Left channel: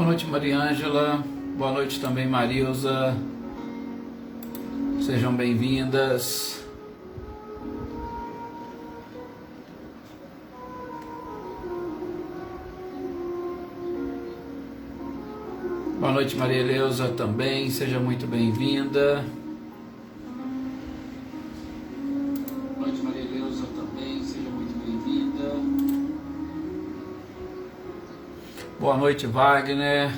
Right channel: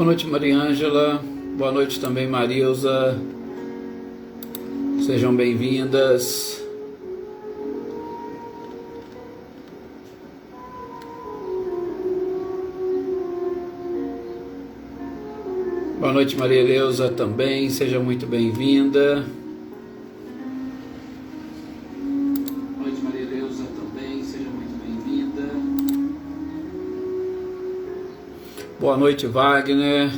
Boa noite, Mariângela. Boa noite também, Marilza. Sejam bem-vindas. Boa noite, Maria Eleusa também. Seja muito bem-vinda. Boa noite, Maria Eleusa também. Seja muito bem-vinda. Boa noite, Wagner.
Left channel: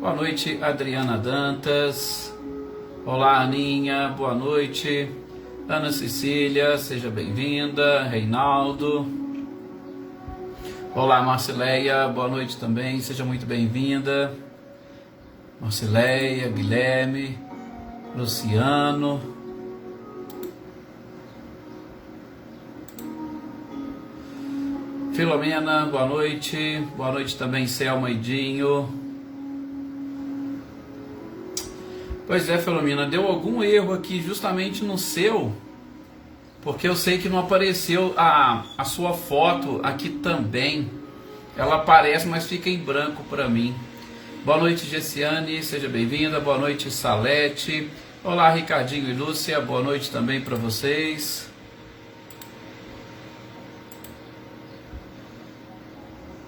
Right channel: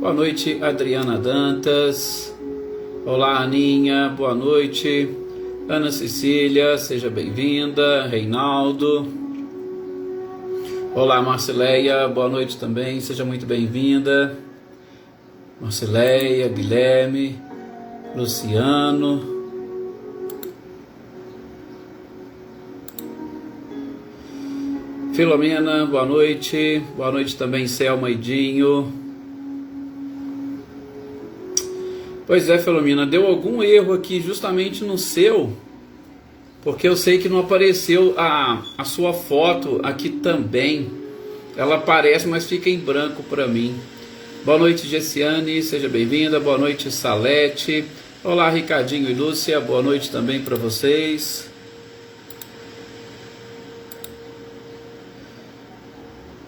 Boa noite, Adriana Dantas. Olá, Aninha, boa noite. Ana Cecília, seja bem-vinda. Reinaldo. Olá, Marcileia, boa noite também, seja muito bem-vinda. Marcileia, Guilherme, Luciano. Filomena, boa noite. Boa noite também, Selma e Dinho. Pois é, Filomena, deu algum erro aqui justamente no seu, porque eu sei que não apareceu a sua foto aqui também. Ela aparece, mas fica em branco para mim. Boa noite, Gessiane, seja bem-vinda. Boa noite, Salete. Olá, Ricardinho e Lúcia, boa noite também para vocês.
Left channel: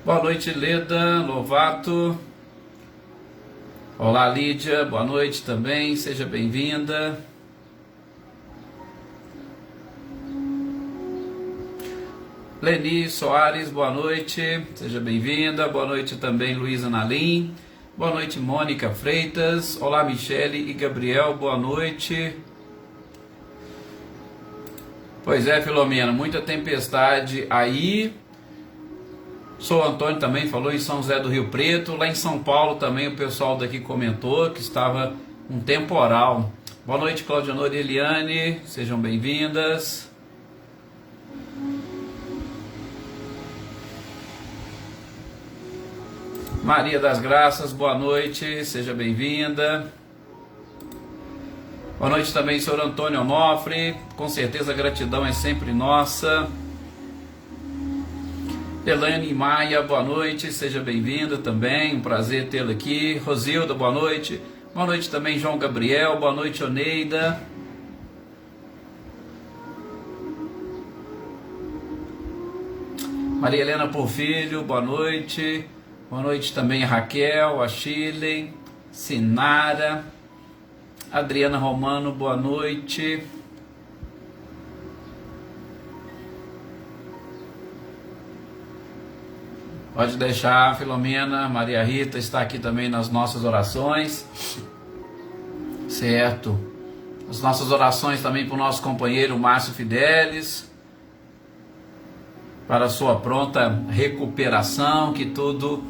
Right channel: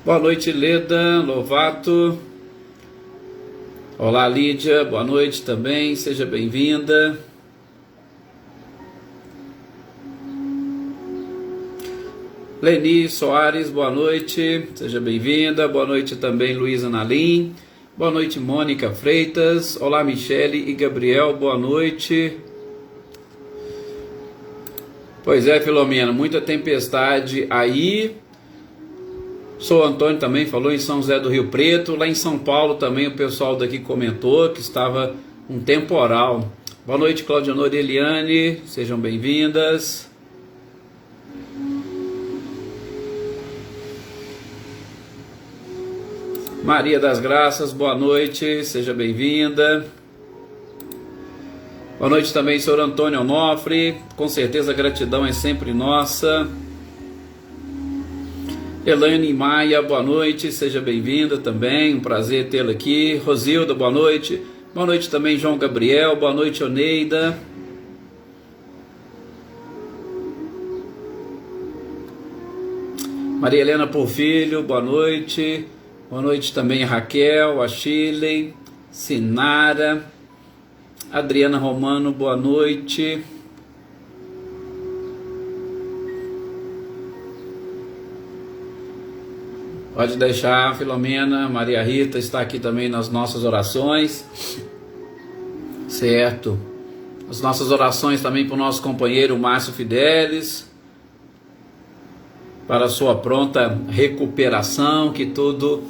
Boa noite, Leda Lovato. Olá, Lídia, boa noite também, seja bem-vinda. Leni Soares, boa noite, seja bem-vinda. Boa noite também, Luísa Nalim. Boa noite, Mônica Freitas. Olá, Michele e Gabriel, boa noite. Pois é, Filomena, muita tempestade aí. Sou Antônio também, falou em São José do Rio Preto. Lá em São Paulo também o pessoal daqui comentou que estava um temporal. Boa noite, Claudionora e Eliane, sejam bem-vindas. Maria das Graças, boa noite, seja bem-vinda. Boa noite também, senhor Antônio Onofre, com certeza a gratidão é sempre nossa. Elaine Maia, boa noite, seja bem-vinda também, um prazer tê-la aqui. Rosilda, boa noite. Boa noite também, João Gabriel, boa noite, Oneida. Maria Helena Porfílio, boa noite. Boa noite também a Raquel, a Shirley, Sinara, Adriana Romano, boa noite. Pode deixar, Filomena, Maria Rita está aqui também nas nossas orações, certo? As nossas orações também para o nosso companheiro Márcio Fidelis, para a sua pronta recuperação, que tudo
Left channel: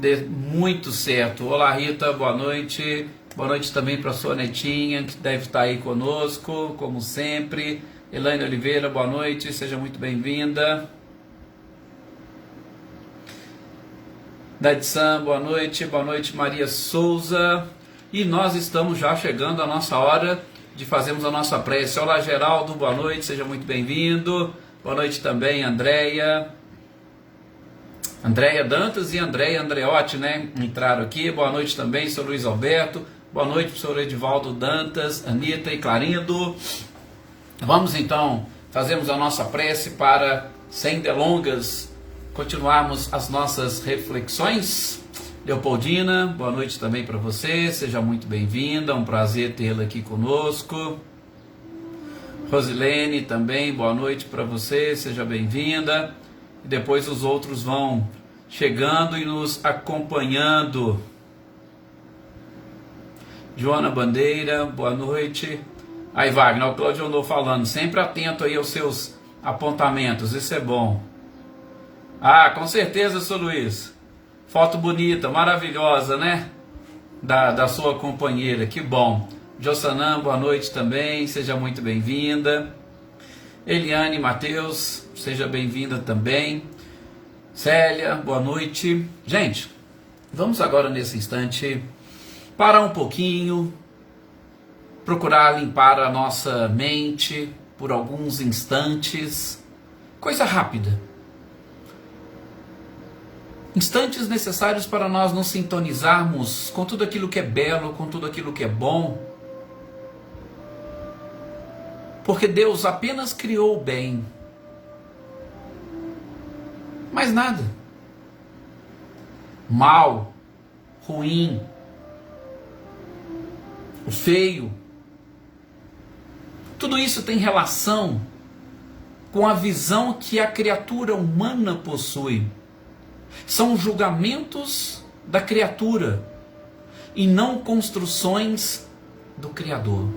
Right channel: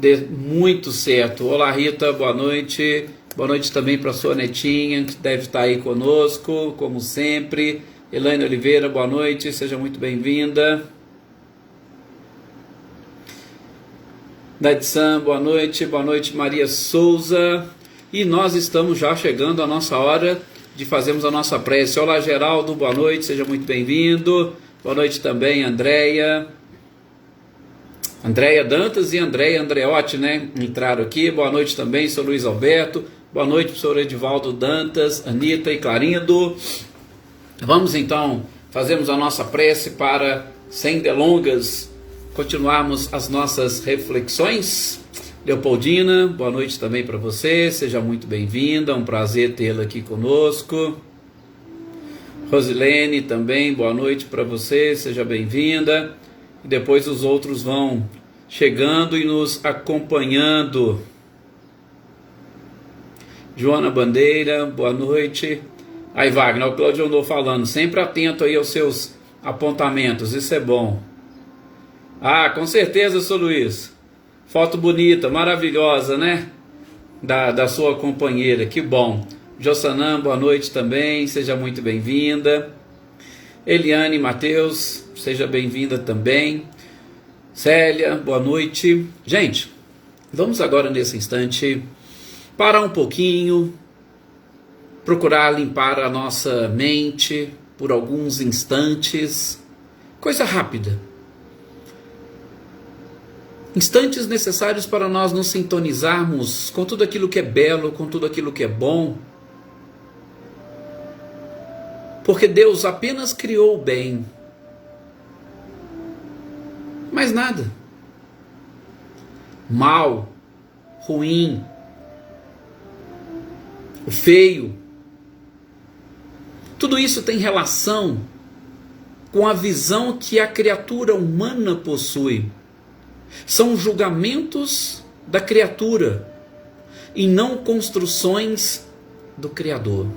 dê muito certo. Olá, Rita, boa noite. Boa noite também para a sua netinha, que deve estar aí conosco, como sempre. Elaine Oliveira, boa noite, seja muito bem-vinda. Dadsan, boa noite Maria Souza, e nós estamos já chegando à nossa hora de fazermos a nossa prece. Olá, Geraldo, boa noite, seja muito bem-vindo. Boa noite também, Andréia Dantas e Andréia Andreotti, né, entraram aqui. Boa noite também, senhor Luiz Alberto, boa noite, professor Edivaldo Dantas, Anitta e Clarindo. Vamos então, fazermos a nossa prece para, sem delongas, continuarmos as nossas reflexões. Leopoldina, boa noite também para você, seja muito bem-vinda, um prazer tê-la aqui conosco. Rosilene também, boa noite para você, seja bem-vinda. E depois os outros vão chegando e nos acompanhando. Joana Bandeira, boa noite. Aí, Wagner, o Cláudio andou falando, sempre atento aí aos seus apontamentos, isso é bom. Ah, com certeza, seu Luiz. Foto bonita, maravilhosa, né? Da sua companheira, que bom. Jossanã, boa noite também, seja muito bem-vinda. Eliane Matheus, seja bem-vinda também. Célia, boa noite. Gente, vamos agora nesse instante parar um pouquinho, procurar limpar a nossa mente por alguns instantes. Coisa rápida. Instantes necessários para nós nos sintonizarmos com tudo aquilo que é belo, com tudo aquilo que é bom. Porque Deus apenas criou o bem. Mais nada. Mal, ruim, o feio. Tudo isso tem relação com a visão que a criatura humana possui. São julgamentos da criatura e não construções do Criador.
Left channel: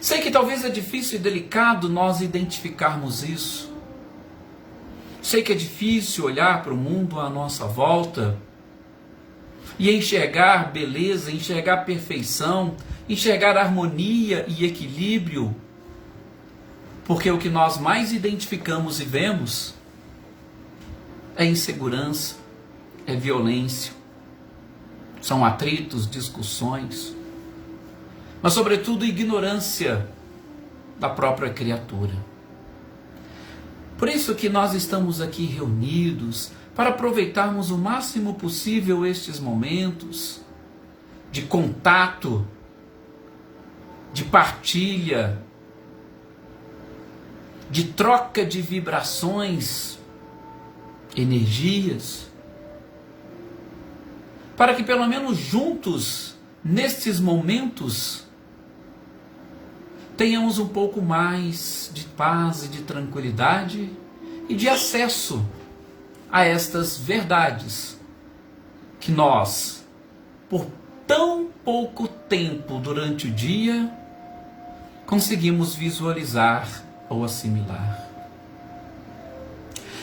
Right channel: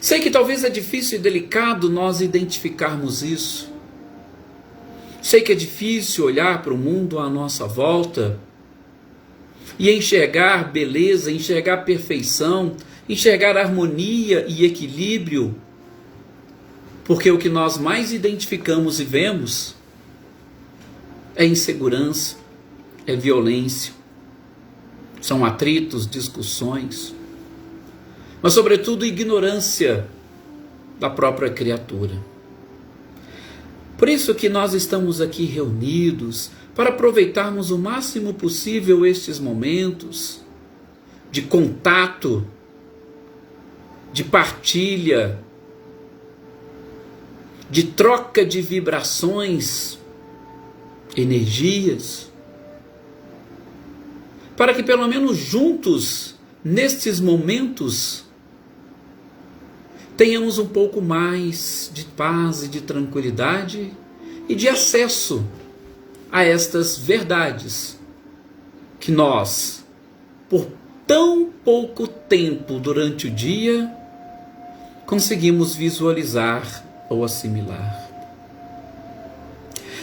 Sei que talvez é difícil e delicado nós identificarmos isso. Sei que é difícil olhar para o mundo à nossa volta e enxergar beleza, enxergar perfeição, enxergar harmonia e equilíbrio, porque o que nós mais identificamos e vemos é insegurança, é violência, são atritos, discussões, mas sobretudo ignorância da própria criatura. Por isso que nós estamos aqui reunidos, para aproveitarmos o máximo possível estes momentos de contato, de partilha, de troca de vibrações, energias, para que pelo menos juntos, nestes momentos, tenhamos um pouco mais de paz e de tranquilidade e de acesso a estas verdades que nós, por tão pouco tempo durante o dia, conseguimos visualizar ou assimilar.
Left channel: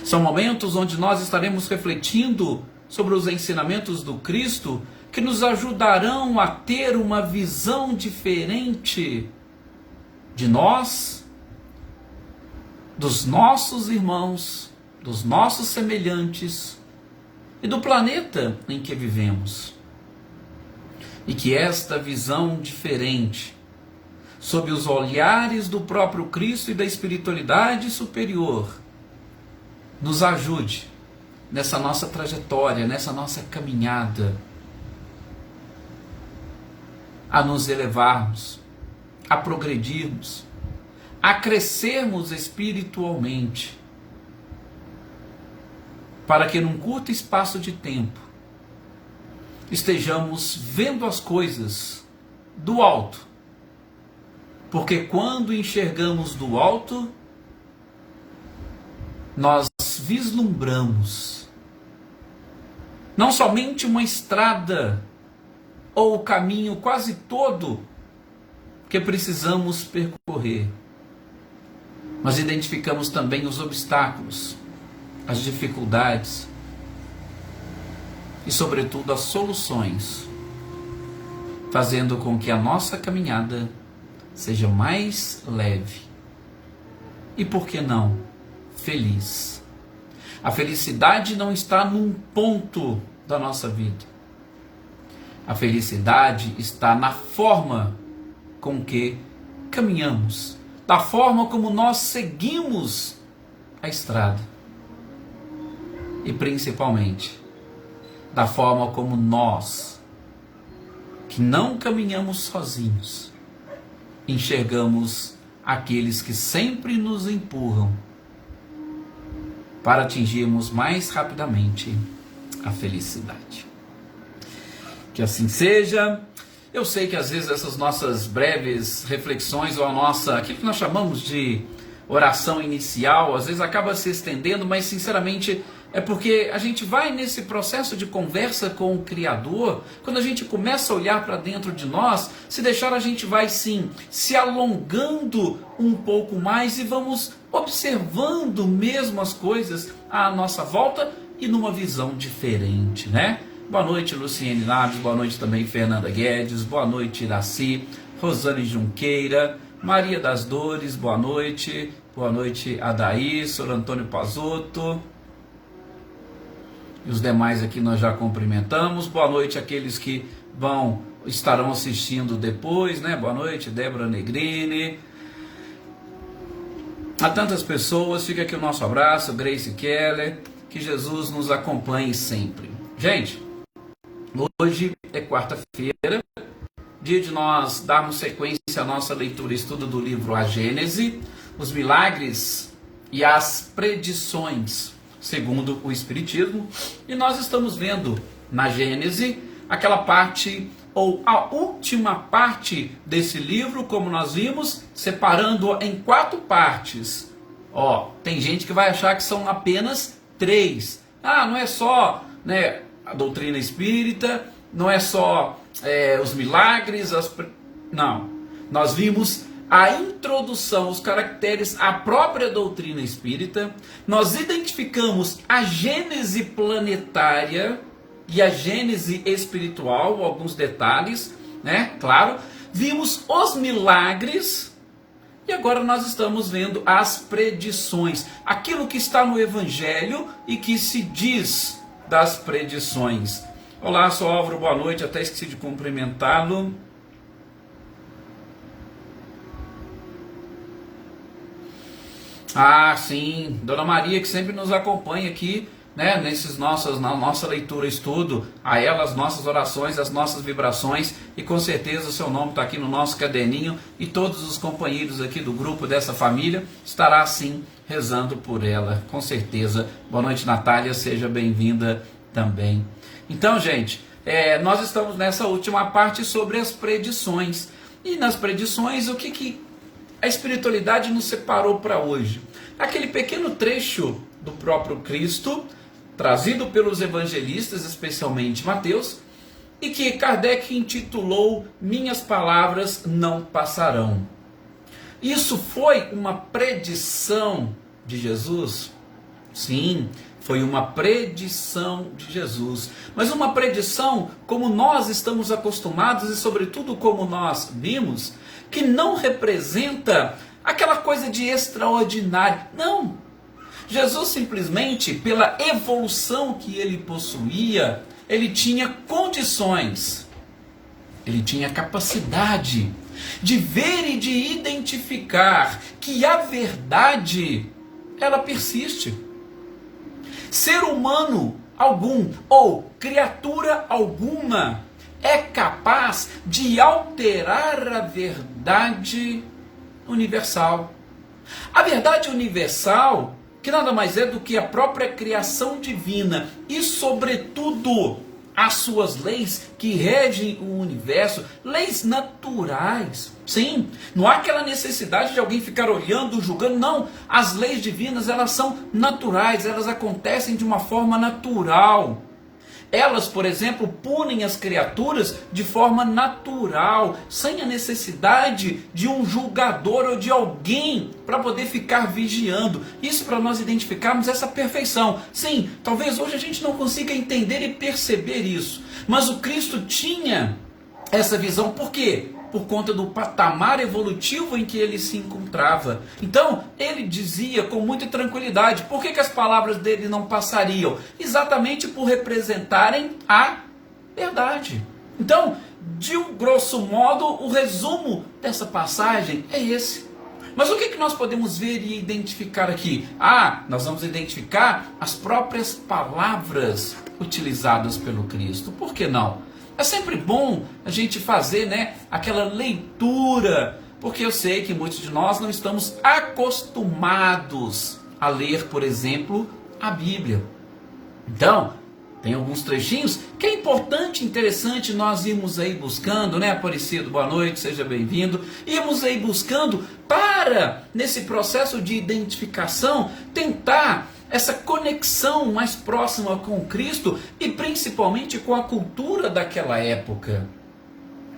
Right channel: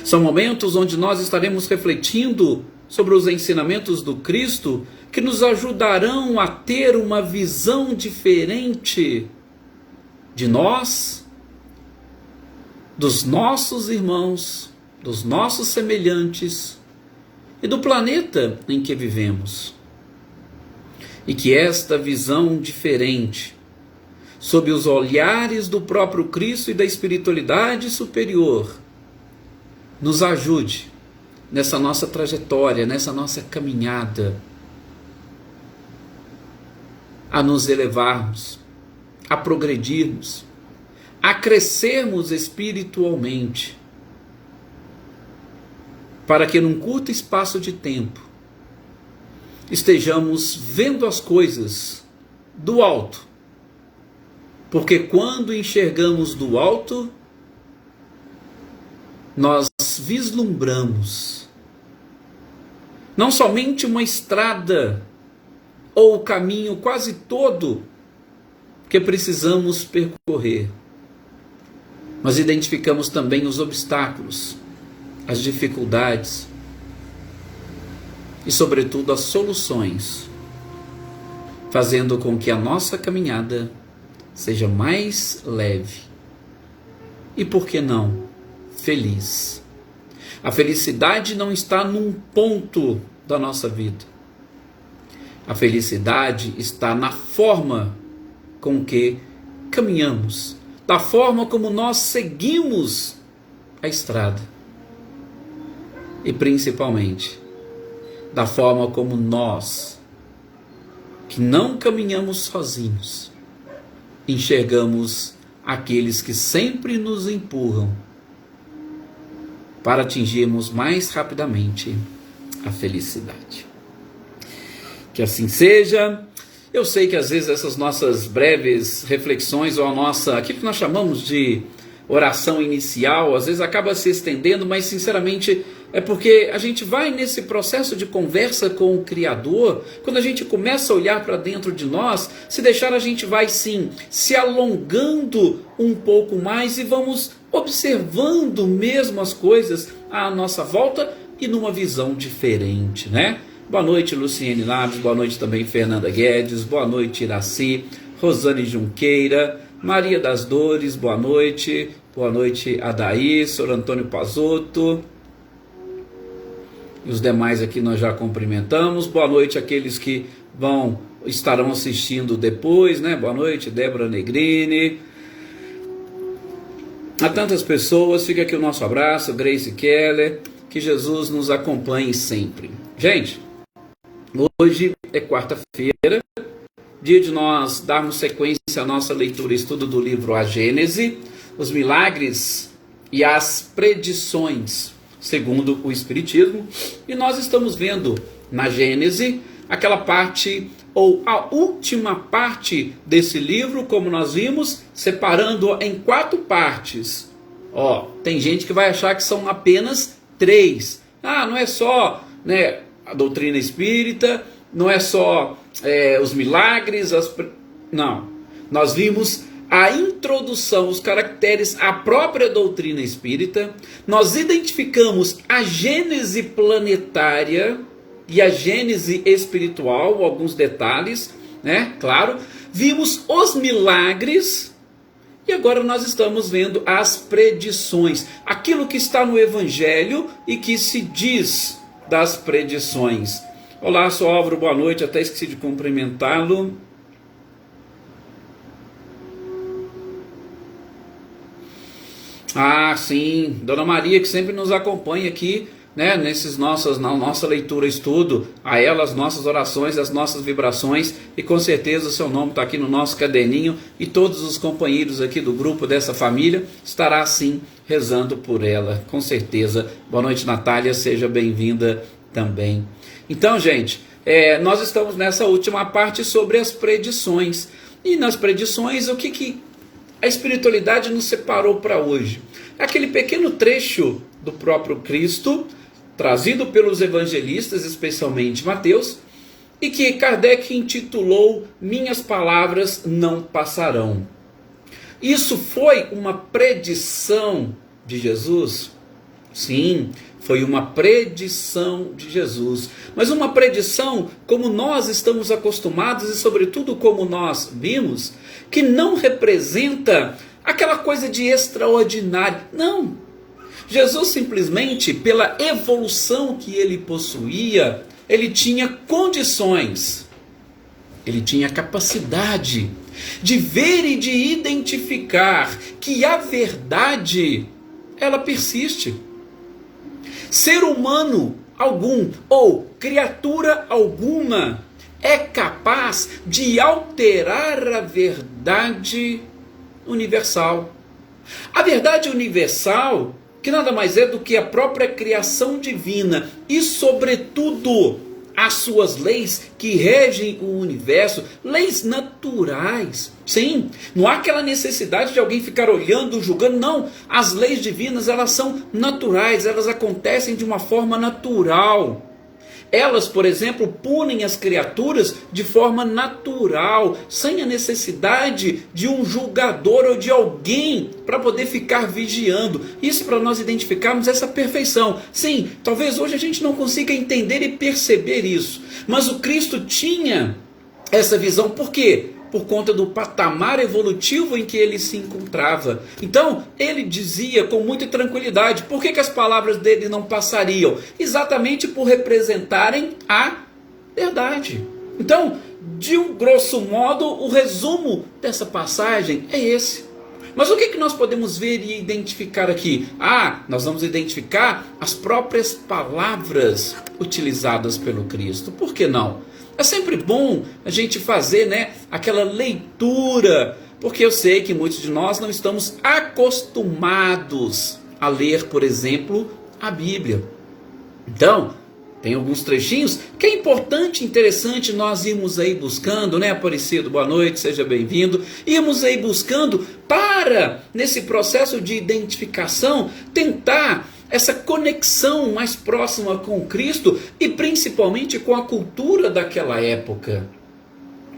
São momentos onde nós estaremos refletindo sobre os ensinamentos do Cristo que nos ajudarão a ter uma visão diferente de nós, dos nossos irmãos, dos nossos semelhantes e do planeta em que vivemos. E que esta visão diferente, sob os olhares do próprio Cristo e da espiritualidade superior, nos ajude nessa nossa trajetória, nessa nossa caminhada, a nos elevarmos, a progredirmos, a crescermos espiritualmente, para que num curto espaço de tempo estejamos vendo as coisas do alto, porque quando enxergamos do alto, nós vislumbramos não somente uma estrada ou o caminho quase todo que precisamos percorrer, mas identificamos também os obstáculos, as dificuldades e, sobretudo, as soluções, fazendo com que a nossa caminhada seja mais leve e, por que não, feliz. A felicidade não está num ponto da nossa vida. A felicidade está na forma com que caminhamos, da forma como nós seguimos a estrada. E principalmente, da forma como nós, que não caminhamos sozinhos, enxergamos aqueles que sempre nos empurram para atingirmos mais rapidamente a felicidade. Que assim seja. Eu sei que às vezes essas nossas breves reflexões, ou aquilo que nós chamamos de oração inicial, às vezes acaba se estendendo, mas sinceramente é porque a gente vai nesse processo de conversa com o Criador, quando a gente começa a olhar para dentro de nós, se deixar a gente vai sim se alongando um pouco mais e vamos observando mesmo as coisas à nossa volta e numa visão diferente, né? Boa noite, Luciene Naves, boa noite também, Fernanda Guedes, boa noite, Iraci, Rosane Junqueira, Maria das Dores, boa noite, Adaí, Sr. Antônio Pazotto, e os demais aqui nós já cumprimentamos. Boa noite àqueles que estarão assistindo depois, né? Boa noite, Débora Negrini. A tantas pessoas, fica aqui o nosso abraço, Grace Keller. que Jesus nos acompanhe sempre. Gente, hoje é quarta-feira, dia de nós darmos sequência à nossa leitura e estudo do livro A Gênese, os milagres e as predições segundo o Espiritismo. E nós estamos vendo na Gênese aquela parte, ou a última parte desse livro, como nós vimos, separando em 4 partes. Tem gente que vai achar que são apenas 3. Não é só, né, a doutrina espírita, não é só os milagres, não. Nós vimos a introdução, os caracteres, a própria doutrina espírita. Nós identificamos a gênese planetária e a gênese espiritual, alguns detalhes, né? Claro. Vimos os milagres e agora nós estamos vendo as predições. Aquilo que está no Evangelho e que se diz das predições. Olá, sou Álvaro, boa noite. Até esqueci de cumprimentá-lo. Sim, Dona Maria, que sempre nos acompanha aqui, né, na nossa leitura, estudo, a ela as nossas orações, as nossas vibrações, e com certeza o seu nome está aqui no nosso caderninho, e todos os companheiros aqui do grupo, dessa família, estará sim rezando por ela, com certeza. Boa noite, Natália, seja bem-vinda também. Então, gente, nós estamos nessa última parte sobre as predições, e nas predições, o que a espiritualidade nos separou para hoje? Aquele pequeno trecho do próprio Cristo, trazido pelos evangelistas, especialmente Mateus, e que Kardec intitulou Minhas Palavras Não Passarão. Isso foi uma predição de Jesus? Sim, foi uma predição de Jesus. Mas uma predição como nós estamos acostumados e, sobretudo, como nós vimos, que não representa aquela coisa de extraordinário. Não. Jesus simplesmente, pela evolução que ele possuía, ele tinha condições, ele tinha capacidade de ver e de identificar que a verdade, ela persiste. Ser humano algum ou criatura alguma é capaz de alterar a verdade universal. A verdade universal, que nada mais é do que a própria criação divina e, sobretudo, as suas leis que regem o universo, leis naturais. Sim, não há aquela necessidade de alguém ficar olhando, julgando, não. As leis divinas, elas são naturais, elas acontecem de uma forma natural. Elas, por exemplo, punem as criaturas de forma natural, sem a necessidade de um julgador ou de alguém para poder ficar vigiando. Isso para nós identificarmos essa perfeição. Sim, talvez hoje a gente não consiga entender e perceber isso, mas o Cristo tinha essa visão. Por quê? Por conta do patamar evolutivo em que ele se encontrava. Então, ele dizia com muita tranquilidade. Por que as palavras dele não passariam? Exatamente por representarem a verdade. Então, de um grosso modo, o resumo dessa passagem é esse. Mas o que nós podemos ver e identificar aqui? Nós vamos identificar as próprias palavras utilizadas pelo Cristo. Por que não? É sempre bom a gente fazer, né, aquela leitura, porque eu sei que muitos de nós não estamos acostumados a ler, por exemplo, a Bíblia. Então, tem alguns trechinhos que é importante, interessante nós irmos aí buscando, né, Aparecido? Boa noite, seja bem-vindo. Irmos aí buscando para, nesse processo de identificação, tentar essa conexão mais próxima com Cristo e principalmente com a cultura daquela época.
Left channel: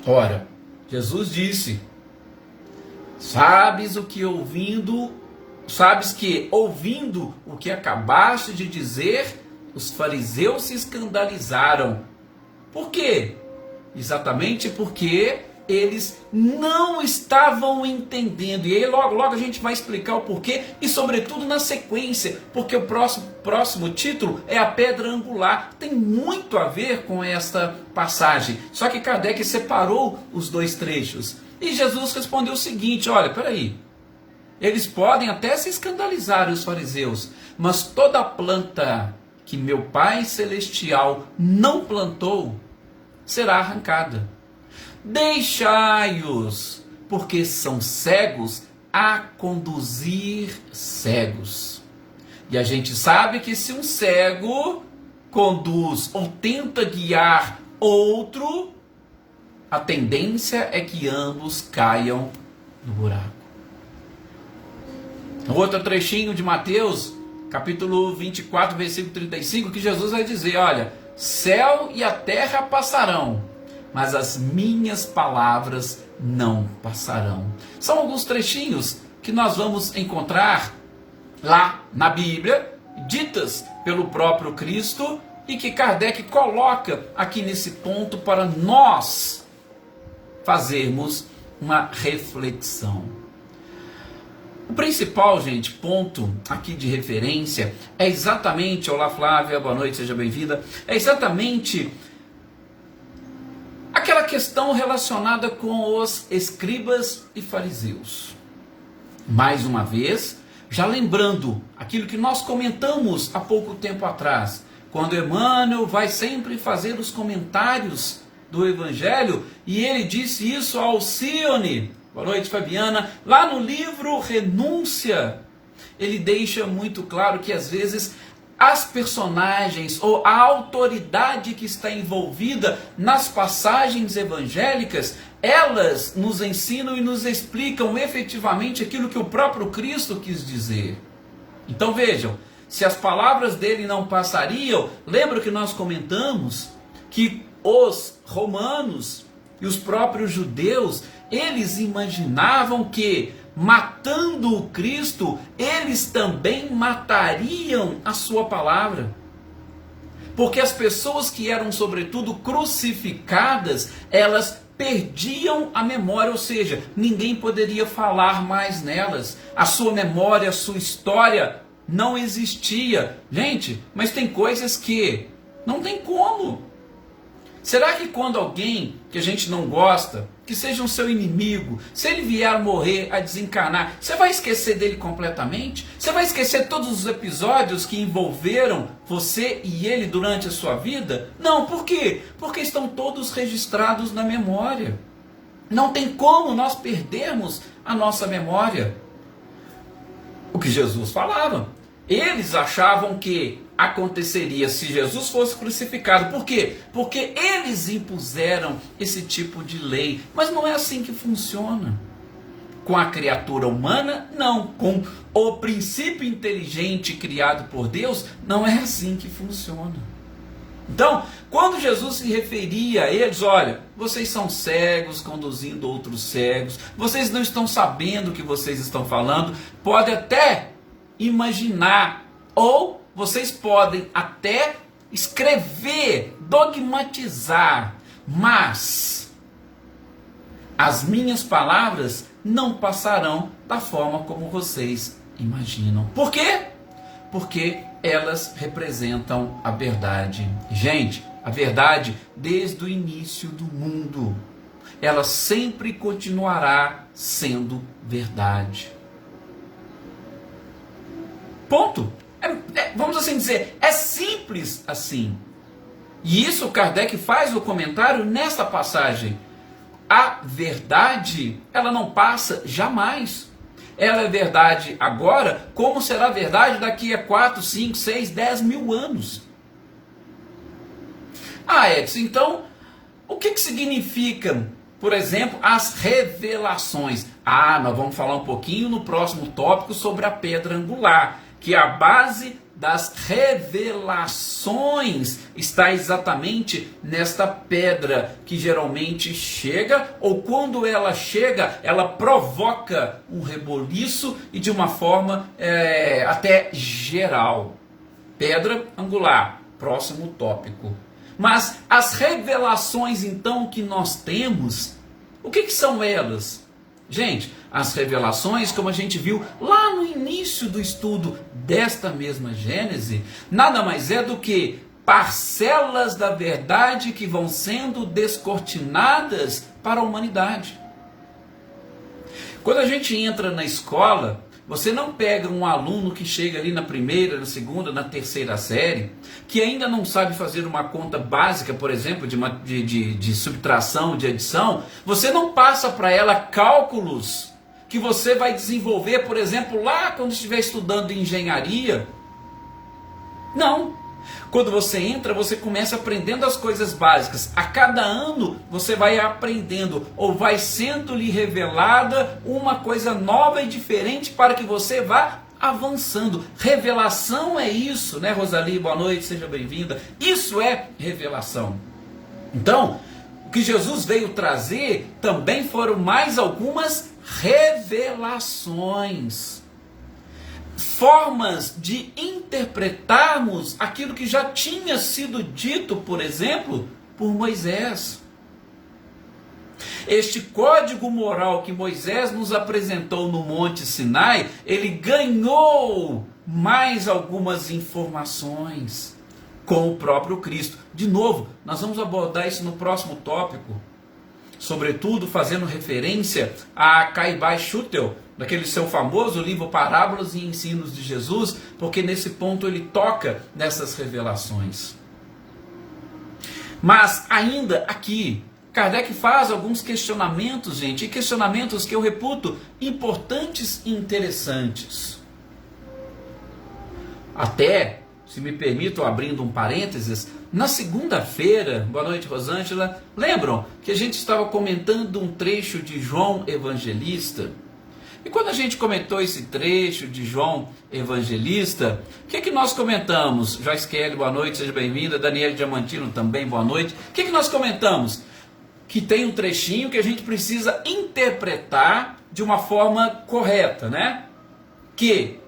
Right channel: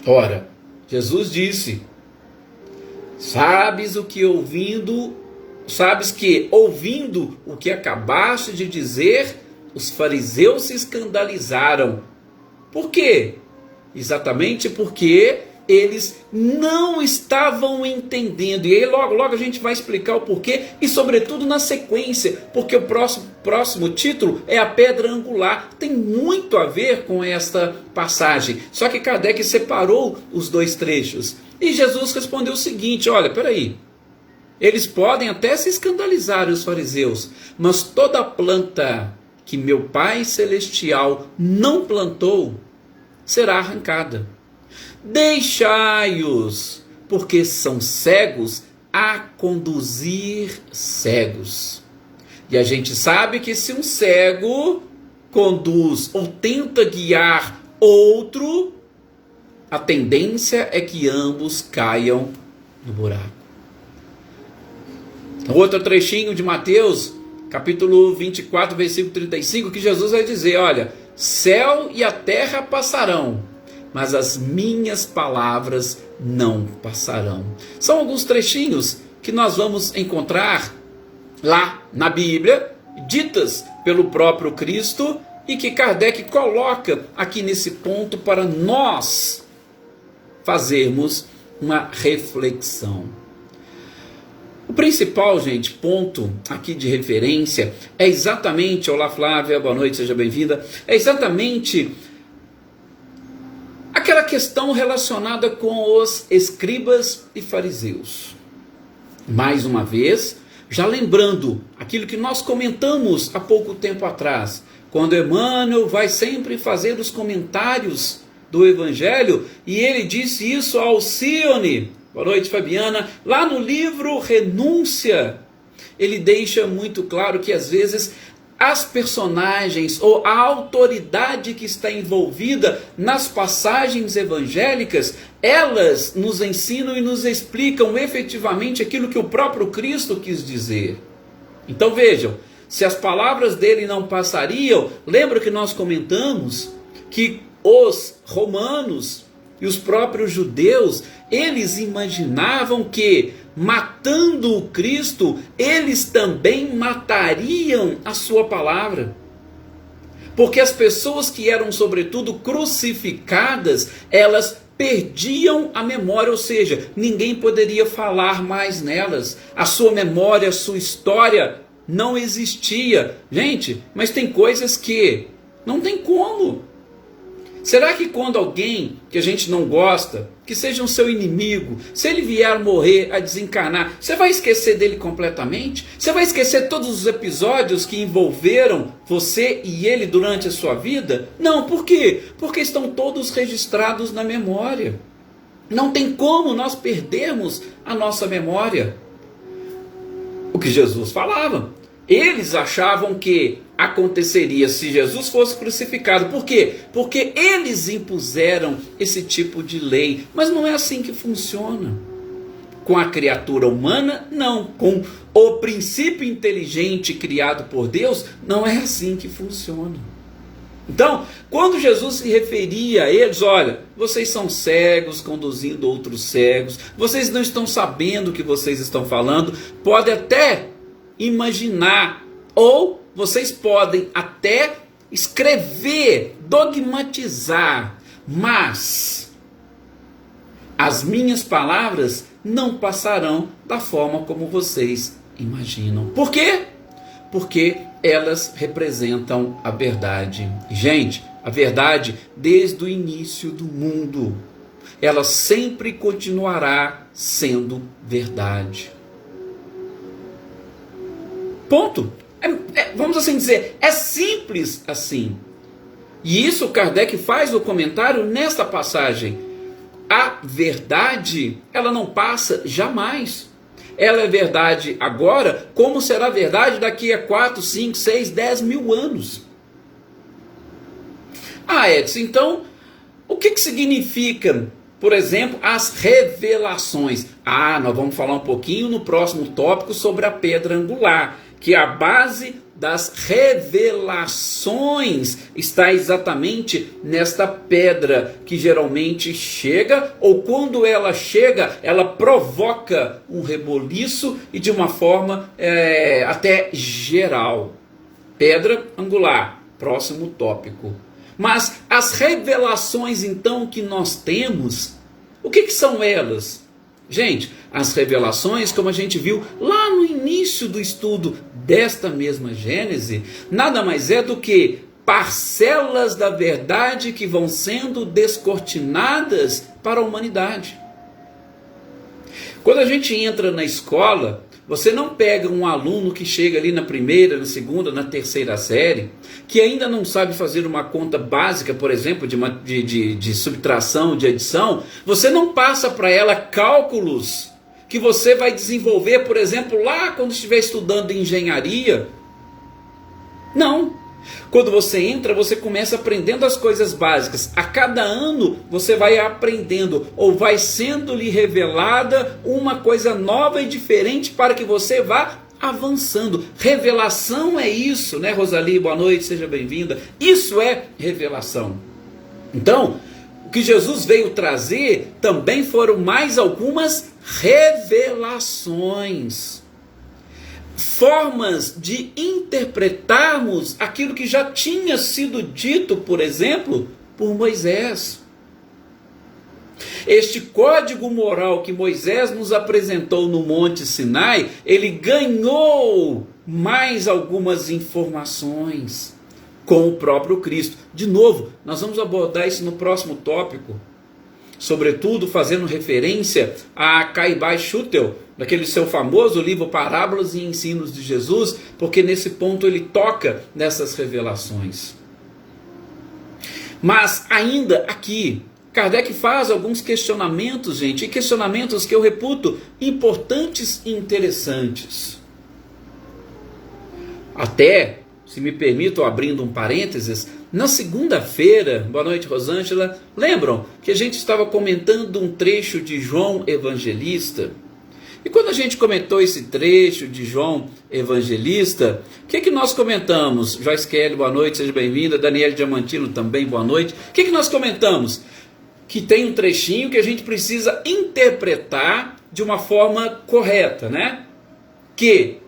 Ora, Jesus disse: sabes que ouvindo o que acabaste de dizer, os fariseus se escandalizaram. Por quê? Exatamente porque eles não estavam entendendo. E aí logo a gente vai explicar o porquê e sobretudo na sequência, porque o próximo título é a pedra angular. Tem muito a ver com esta passagem. Só que Kardec separou os 2 trechos. E Jesus respondeu o seguinte: olha, peraí. Eles podem até se escandalizar, os fariseus, mas toda planta que meu Pai Celestial não plantou será arrancada. Deixai-os, porque são cegos a conduzir cegos. E a gente sabe que se um cego conduz ou tenta guiar outro, a tendência é que ambos caiam no buraco. Outro trechinho de Mateus, capítulo 24, versículo 35, que Jesus vai dizer, olha, céu e a terra passarão, mas as minhas palavras não passarão. São alguns trechinhos que nós vamos encontrar lá na Bíblia, ditas pelo próprio Cristo, e que Kardec coloca aqui nesse ponto para nós fazermos uma reflexão. O principal, gente, ponto aqui de referência é exatamente, olá Flávia, boa noite, seja bem-vinda, é exatamente aquela questão relacionada com os escribas e fariseus. Mais uma vez, já lembrando aquilo que nós comentamos há pouco tempo atrás, quando Emmanuel vai sempre fazer os comentários do Evangelho, e ele disse isso ao Alcione, boa noite Fabiana, lá no livro Renúncia, ele deixa muito claro que às vezes as personagens ou a autoridade que está envolvida nas passagens evangélicas, elas nos ensinam e nos explicam efetivamente aquilo que o próprio Cristo quis dizer. Então vejam, se as palavras dele não passariam, lembra que nós comentamos que os romanos e os próprios judeus, eles imaginavam que, matando o Cristo, eles também matariam a sua palavra. Porque as pessoas que eram, sobretudo, crucificadas, elas perdiam a memória, ou seja, ninguém poderia falar mais nelas. A sua memória, a sua história não existia. Gente, mas tem coisas que não tem como. Será que quando alguém que a gente não gosta, que seja um seu inimigo, se ele vier a morrer, a desencarnar, você vai esquecer dele completamente? Você vai esquecer todos os episódios que envolveram você e ele durante a sua vida? Não, por quê? Porque estão todos registrados na memória. Não tem como nós perdermos a nossa memória. O que Jesus falava. Eles achavam que aconteceria se Jesus fosse crucificado. Por quê? Porque eles impuseram esse tipo de lei. Mas não é assim que funciona. Com a criatura humana, não. Com o princípio inteligente criado por Deus, não é assim que funciona. Então, quando Jesus se referia a eles, olha, vocês são cegos conduzindo outros cegos, vocês não estão sabendo o que vocês estão falando, pode até imaginar, ou vocês podem até escrever, dogmatizar, mas as minhas palavras não passarão da forma como vocês imaginam. Por quê? Porque elas representam a verdade. Gente, a verdade desde o início do mundo, ela sempre continuará sendo verdade. Ponto. Vamos assim dizer, é simples assim. E isso Kardec faz o comentário nesta passagem. A verdade, ela não passa jamais. Ela é verdade agora, como será verdade daqui a 4, 5, 6, 10 mil anos. Ah, Edson, então, o que significa, por exemplo, as revelações? Ah, nós vamos falar um pouquinho no próximo tópico sobre a pedra angular, que a base das revelações está exatamente nesta pedra, que geralmente chega, ou quando ela chega, ela provoca um reboliço e de uma forma até geral. Pedra angular, próximo tópico. Mas as revelações então que nós temos, o que são elas? Gente, as revelações, como a gente viu lá no início do estudo desta mesma Gênese, nada mais é do que parcelas da verdade que vão sendo descortinadas para a humanidade. Quando a gente entra na escola, você não pega um aluno que chega ali na primeira, na segunda, na terceira série, que ainda não sabe fazer uma conta básica, por exemplo, de subtração, de adição, você não passa para ela cálculos que você vai desenvolver, por exemplo, lá quando estiver estudando engenharia. Não. Quando você entra, você começa aprendendo as coisas básicas. A cada ano você vai aprendendo ou vai sendo-lhe revelada uma coisa nova e diferente para que você vá avançando. Revelação é isso, né, Rosali? Boa noite, seja bem-vinda. Isso é revelação. Então, o que Jesus veio trazer também foram mais algumas revelações. Formas de interpretarmos aquilo que já tinha sido dito, por exemplo, por Moisés. Este código moral que Moisés nos apresentou no Monte Sinai, ele ganhou mais algumas informações com o próprio Cristo. De novo, nós vamos abordar isso no próximo tópico, sobretudo fazendo referência a Caibai Schutel, daquele seu famoso livro Parábolas e Ensinos de Jesus, porque nesse ponto ele toca nessas revelações. Mas ainda aqui, Kardec faz alguns questionamentos, gente, e questionamentos que eu reputo importantes e interessantes. Até, se me permitam, abrindo um parênteses, na segunda-feira, boa noite Rosângela, lembram que a gente estava comentando um trecho de João Evangelista? E quando a gente comentou esse trecho de João Evangelista, o que nós comentamos? Joyce Kelly, boa noite, seja bem-vinda. Daniel Diamantino também, boa noite. O que nós comentamos? Que tem um trechinho que a gente precisa interpretar de uma forma correta, né? Que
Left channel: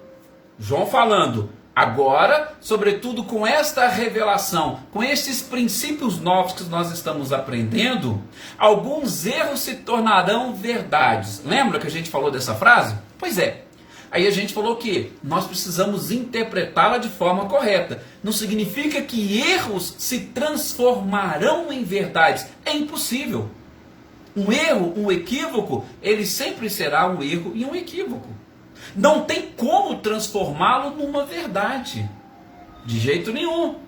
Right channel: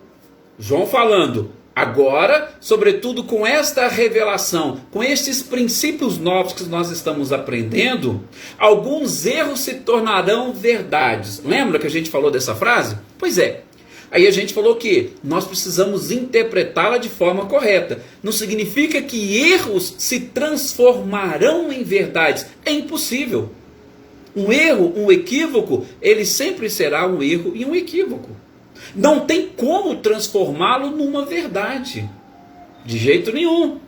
João falando, agora, sobretudo com esta revelação, com estes princípios novos que nós estamos aprendendo, alguns erros se tornarão verdades. Lembra que a gente falou dessa frase? Pois é. Aí a gente falou que nós precisamos interpretá-la de forma correta. Não significa que erros se transformarão em verdades. É impossível. Um erro, um equívoco, ele sempre será um erro e um equívoco. Não tem como transformá-lo numa verdade. De jeito nenhum.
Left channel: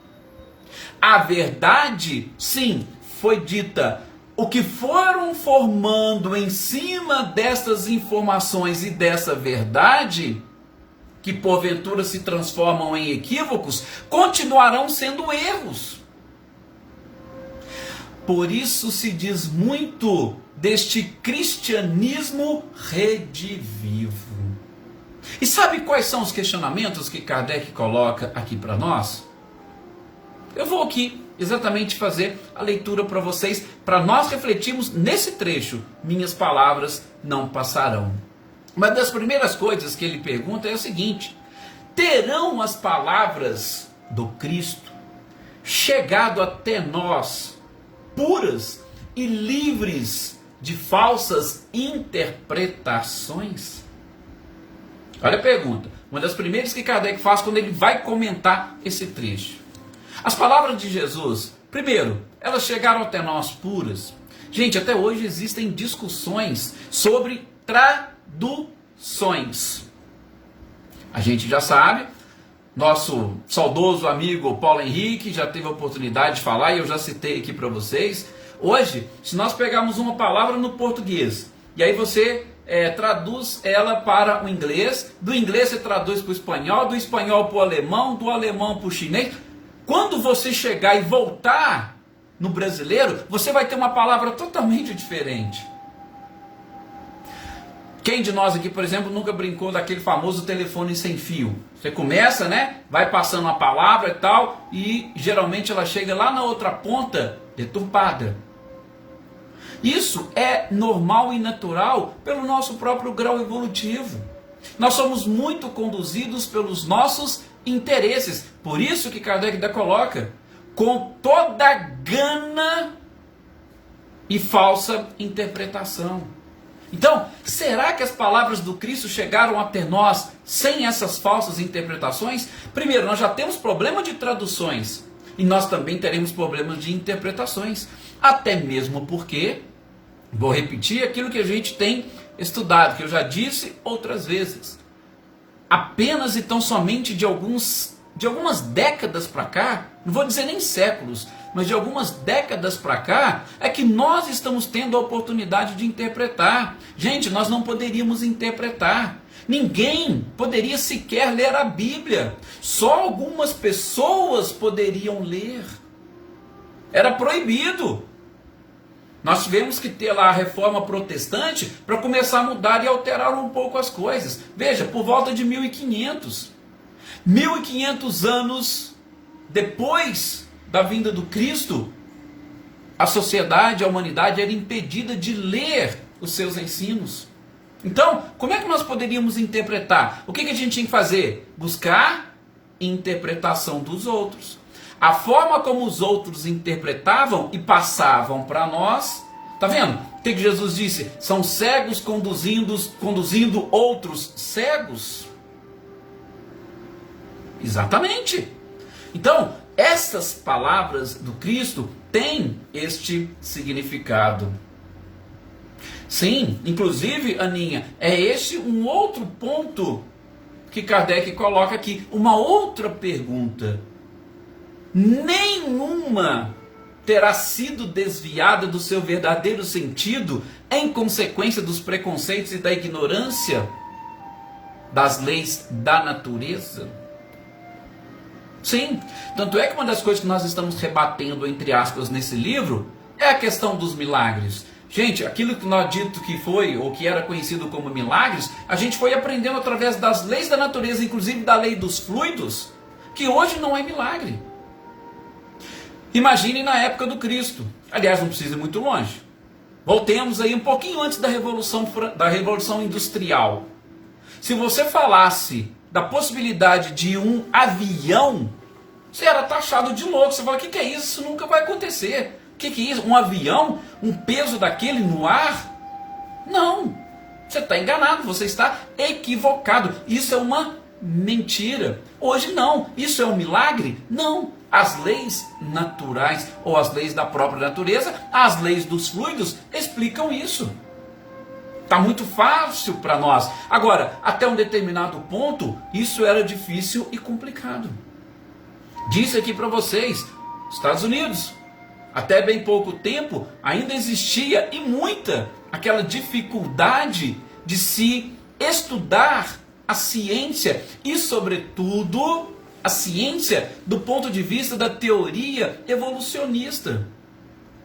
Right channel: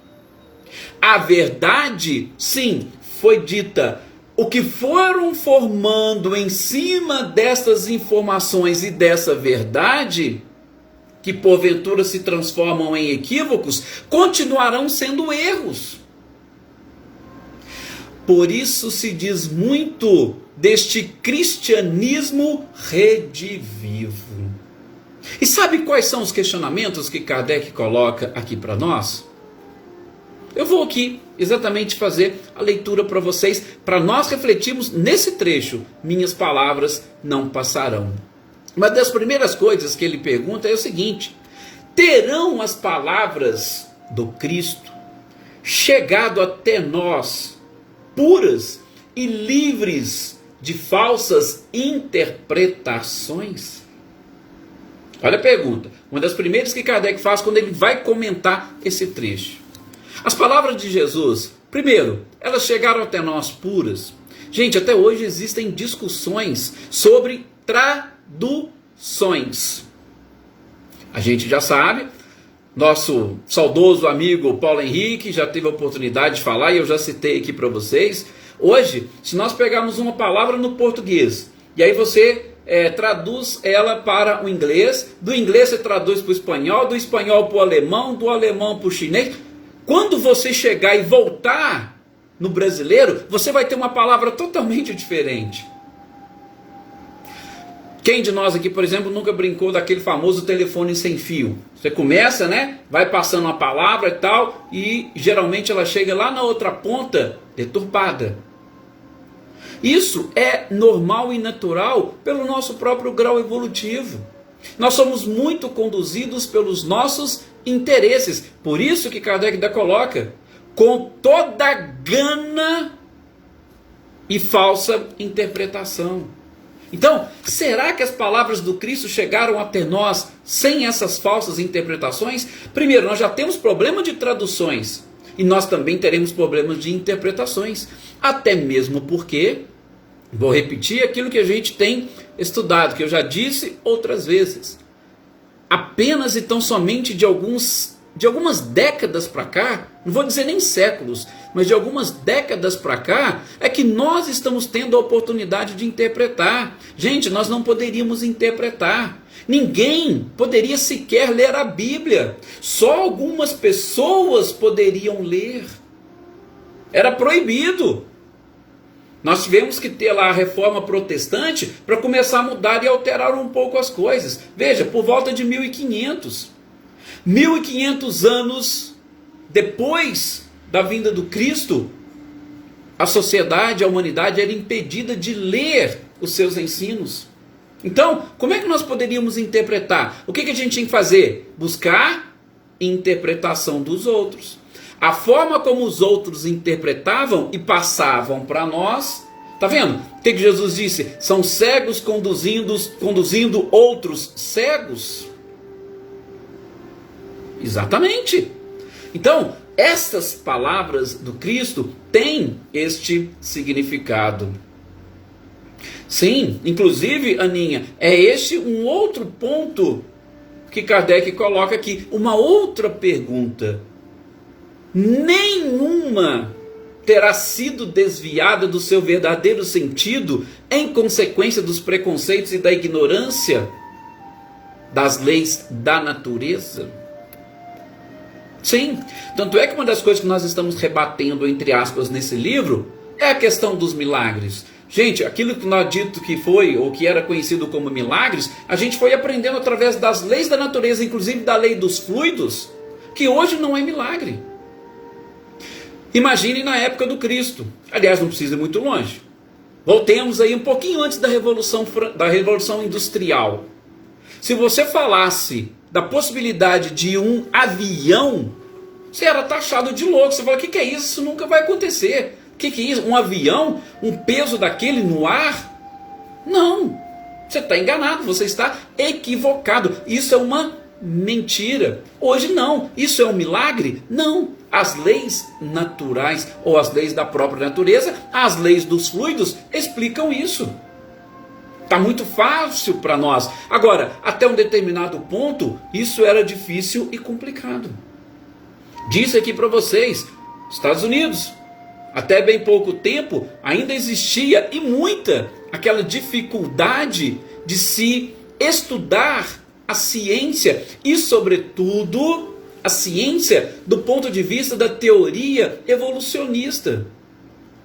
A verdade, sim, foi dita. O que foram formando em cima dessas informações e dessa verdade, que porventura se transformam em equívocos, continuarão sendo erros. Por isso se diz muito deste cristianismo redivivo. E sabe quais são os questionamentos que Kardec coloca aqui para nós? Eu vou aqui exatamente fazer a leitura para vocês, para nós refletirmos nesse trecho. Minhas palavras não passarão. Uma das primeiras coisas que ele pergunta é o seguinte: terão as palavras do Cristo chegado até nós puras e livres de falsas interpretações? Olha a pergunta, uma das primeiras que Kardec faz quando ele vai comentar esse trecho. As palavras de Jesus, primeiro, elas chegaram até nós puras. Gente, até hoje existem discussões sobre traduções. A gente já sabe, nosso saudoso amigo Paulo Henrique já teve a oportunidade de falar, e eu já citei aqui para vocês. Hoje, se nós pegarmos uma palavra no português, e aí você traduz ela para o inglês, do inglês você traduz para o espanhol, do espanhol para o alemão, do alemão para o chinês. Quando você chegar e voltar no brasileiro, você vai ter uma palavra totalmente diferente. Quem de nós aqui, por exemplo, nunca brincou daquele famoso telefone sem fio? Você começa, né? Vai passando uma palavra e tal, e geralmente ela chega lá na outra ponta deturpada. Isso é normal e natural pelo nosso próprio grau evolutivo. Nós somos muito conduzidos pelos nossos interesses. Por isso que Kardec ainda coloca, com toda gana e falsa interpretação. Então, será que as palavras do Cristo chegaram até nós sem essas falsas interpretações? Primeiro, nós já temos problema de traduções, e nós também teremos problemas de interpretações. Até mesmo porque, vou repetir aquilo que a gente tem estudado, que eu já disse outras vezes. apenas e tão somente de algumas décadas para cá, não vou dizer nem séculos, mas de algumas décadas para cá, é que nós estamos tendo a oportunidade de interpretar. Gente, nós não poderíamos interpretar. Ninguém poderia sequer ler a Bíblia. Só algumas pessoas poderiam ler. Era proibido. Nós tivemos que ter lá a reforma protestante para começar a mudar e alterar um pouco as coisas. Veja, por volta de 1500. 1500 anos depois da vinda do Cristo, a sociedade, a humanidade era impedida de ler os seus ensinos. Então, como é que nós poderíamos interpretar? O que a gente tinha que fazer? Buscar interpretação dos outros. A forma como os outros interpretavam e passavam para nós. Tá vendo? O que Jesus disse? São cegos conduzindo outros cegos. Exatamente. Então, estas palavras do Cristo têm este significado. Sim, inclusive, Aninha, é este um outro ponto que Kardec coloca aqui. Uma outra pergunta. Nenhuma terá sido desviada do seu verdadeiro sentido em consequência dos preconceitos e da ignorância das leis da natureza? Sim, tanto é que uma das coisas que nós estamos rebatendo, entre aspas, nesse livro, é a questão dos milagres. Gente, aquilo que nós dito que foi, ou que era conhecido como milagres, a gente foi aprendendo através das leis da natureza, inclusive da lei dos fluidos, que hoje não é milagre. Imagine na época do Cristo. Aliás, não precisa ir muito longe. Voltemos aí um pouquinho antes da Revolução Industrial. Se você falasse da possibilidade de um avião, você era taxado de louco. Você fala, o que é isso? Isso nunca vai acontecer. O que é isso? Um avião? Um peso daquele no ar? Não. Você está enganado, você está equivocado. Isso é uma mentira. Hoje não. Isso é um milagre? Não. As leis naturais, ou as leis da própria natureza, as leis dos fluidos, explicam isso. Está muito fácil para nós. Agora, até um determinado ponto, isso era difícil e complicado. Disse aqui para vocês, Estados Unidos, até bem pouco tempo, ainda existia e muita aquela dificuldade de se estudar a ciência e, sobretudo, a ciência do ponto de vista da teoria evolucionista.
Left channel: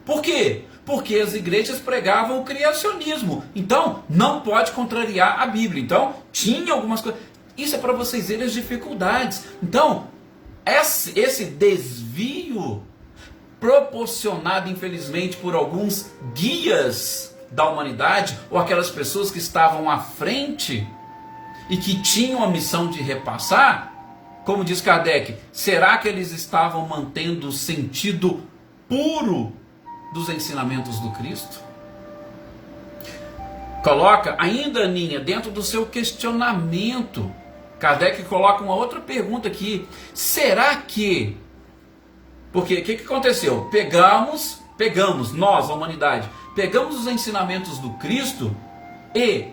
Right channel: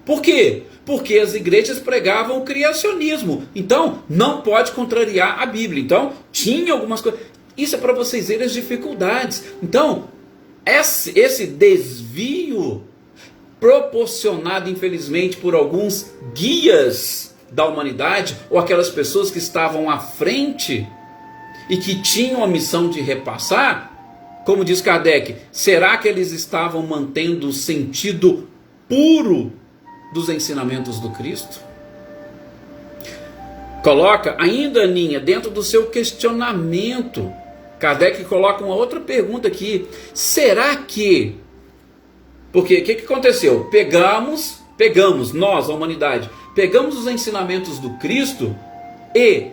Por quê? Porque as igrejas pregavam o criacionismo. Então, não pode contrariar a Bíblia. Então, tinha algumas coisas. Isso é para vocês verem as dificuldades. Então, esse desvio proporcionado, infelizmente, por alguns guias da humanidade, ou aquelas pessoas que estavam à frente e que tinham a missão de repassar, como diz Kardec, será que eles estavam mantendo o sentido puro dos ensinamentos do Cristo? Coloca ainda, Aninha, dentro do seu questionamento, Kardec coloca uma outra pergunta aqui. Será que... Porque o que aconteceu? Pegamos, nós, a humanidade, pegamos os ensinamentos do Cristo e